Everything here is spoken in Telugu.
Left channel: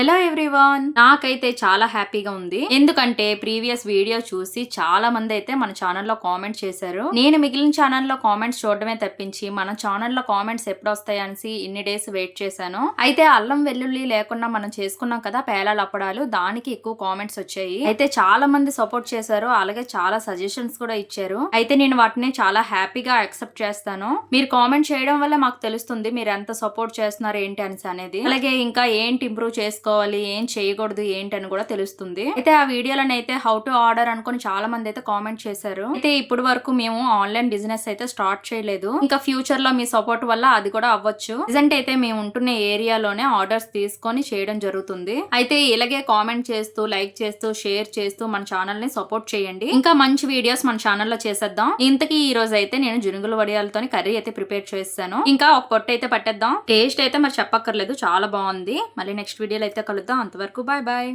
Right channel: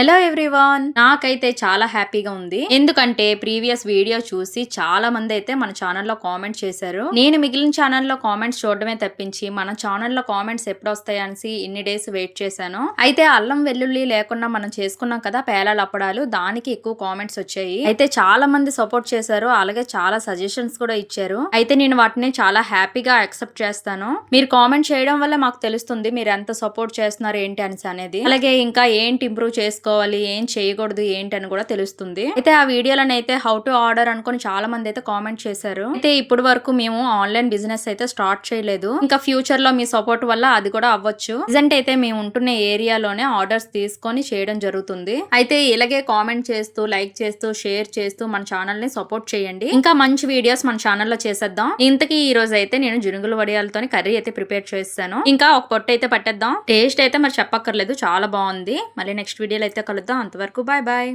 హలో ఎవ్రీవన్, నాకైతే చాలా హ్యాపీగా ఉంది. ఎందుకంటే ప్రీవియస్ వీడియో చూసి చాలా మంది అయితే మన ఛానల్లో కామెంట్ చేశారు. నేను మిగిలిన ఛానల్లో కామెంట్స్ చూడడమే తప్పించి మన ఛానల్లో కామెంట్స్ ఎప్పుడు వస్తాయనేసి ఇన్ని డేస్ వెయిట్ చేశాను. అయితే అల్లం వెల్లుల్లి లేకుండా మనం చేసుకున్నాం కదా పేలాల అప్పడాలు, దానికి ఎక్కువ కామెంట్స్ వచ్చాయి. అయితే చాలా మంది సపోర్ట్ చేశారు, అలాగే చాలా సజెషన్స్ కూడా ఇచ్చారు. అయితే నేను వాటిని చాలా హ్యాపీగా యాక్సెప్ట్ చేస్తాను. మీరు కామెంట్ చేయడం వల్ల మాకు తెలుస్తుంది మీరు ఎంత సపోర్ట్ చేస్తున్నారు ఏంటి అనేసి అనేది. అలాగే ఇంకా ఏంటి ఇంప్రూవ్ చేసుకోవాలి, ఏం చేయకూడదు ఏంటి అని కూడా తెలుస్తుంది. అయితే ఆ వీడియోలను అయితే హౌ టు ఆర్డర్ అనుకుని చాలా మంది అయితే కామెంట్ చేశారు. అయితే ఇప్పుడు వరకు మేము ఆన్లైన్ బిజినెస్ అయితే స్టార్ట్ చేయలేదు. ఇంకా ఫ్యూచర్ లో మీ సపోర్ట్ వల్ల అది కూడా అవ్వచ్చు. ప్రెజెంట్ అయితే మేము ఉంటున్న ఏరియాలోనే ఆర్డర్స్ తీసుకొని చేయడం జరుగుతుంది. అయితే ఇలాగే కామెంట్ చేస్తూ, లైక్ చేస్తూ, షేర్ చేస్తూ మన ఛానల్ ని సపోర్ట్ చేయండి. ఇంకా మంచి వీడియోస్ మన ఛానల్లో చేసేద్దాం. ఇంతకీ ఈ రోజు అయితే నేను జునుగుల వడియాలతో కర్రీ అయితే ప్రిపేర్ చేస్తాను. ఇంకా ఒక పొట్టు అయితే పట్టేద్దాం. టేస్ట్ అయితే మరి చెప్పక్కర్లేదు, చాలా బాగుంది. మళ్ళీ నెక్స్ట్ వీడియోలో అయితే కలుద్దాం. అంతవరకు బాయ్ బాయ్.